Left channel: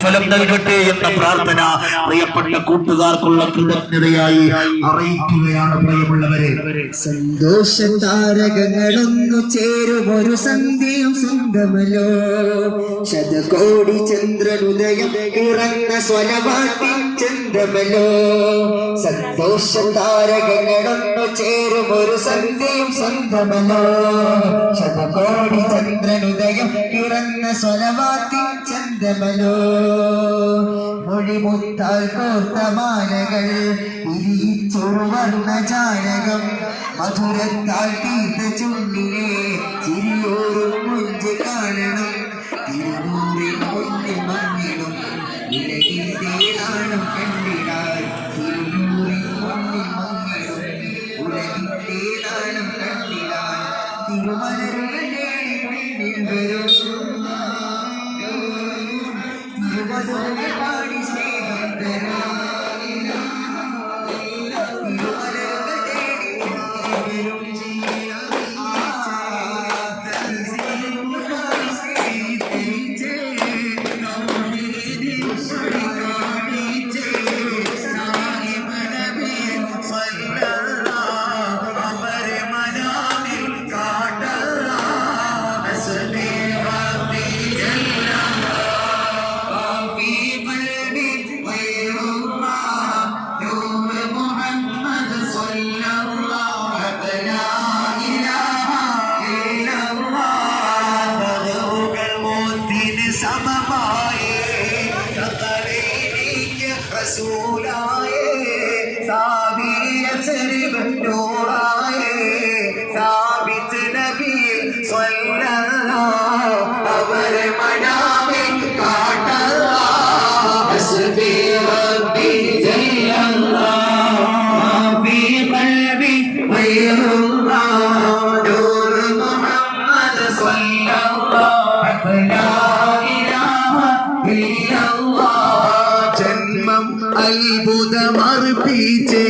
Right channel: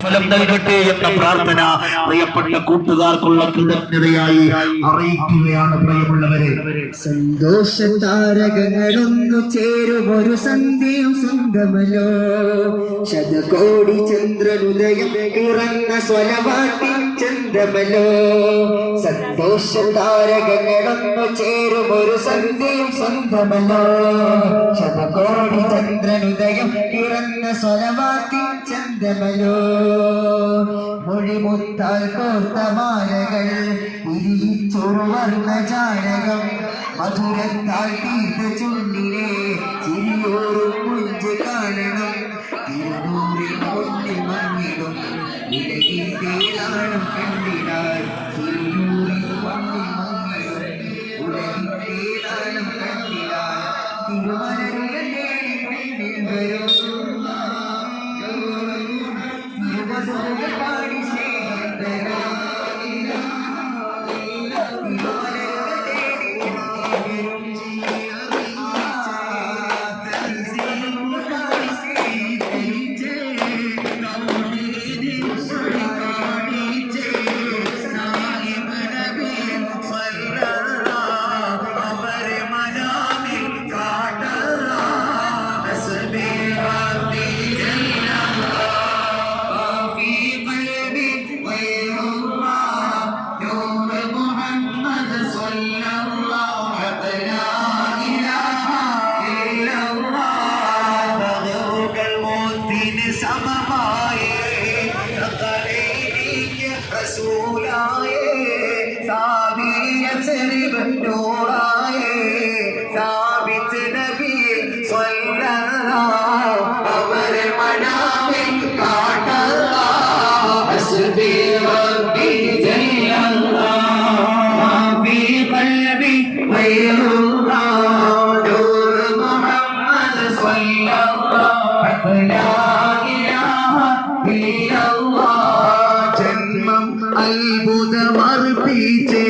ഫലം നൽകട്ടെ എന്ന പ്രാർത്ഥന പ്രിയപ്പെട്ട കൂട്ടുകാർക്കുള്ള കൃതജ്ഞതയായി അറിയിക്കുകയാണ് പ്രിയമുള്ളവരെ. സന്തോഷ താരകങ്ങളൊന്നു ചേരുമൊരു സന്ധ്യയും സ്വന്തമല്ലോ ശതകോടി ചന്ദ്രനുദയം ഇറങ്ങ സ്വലവാട്ടി ചന്ദ്രമല്ലോ സന്തോഷ താരകങ്ങളൊന്നു ചേരുമൊരു സന്ധ്യയും സ്വന്തമല്ലോ ശതകോടി ചന്ദ്രനുദയം ഇറങ്ങ സ്വലവാട്ടി ചന്ദ്രമല്ലോ മൊഴിമുത്താൽ കോർത്ത മാലകൾ ഇരിച്ചൊരുവർണ ജാലകം മധുരത്താൽ തീർത്ത ചുണ്ടിനെ ചിരിയോറും മുഞ്ച് കാണണം. തിരുനൂറിൽ പൊന്നി മങ്ങിടും ഉലകിന്റെ നാളും കണ്ടിടാൻ. തിരുനൂറിൽ പൊന്നി മങ്ങിടും ഉലകിന്റെ നാളും കണ്ടിടാൻ. തിരുമലരുടെ വരും. സമമായേ റസൂലായേ സാബിയ സരിബ് നൂറായേ സാബിത്ത് നബി സ്വല്ലല്ലാഹു അവരെ മനാമിൽ കാട്ടല്ലാ ഹസ്ബി റബ്ബി ജല്ലല്ലാഹ് മാ ഫീ ഖൽബി ഗൈറുല്ലാഹ് ജന്മം അത്ഭുതമർപ്പിച്ചേ.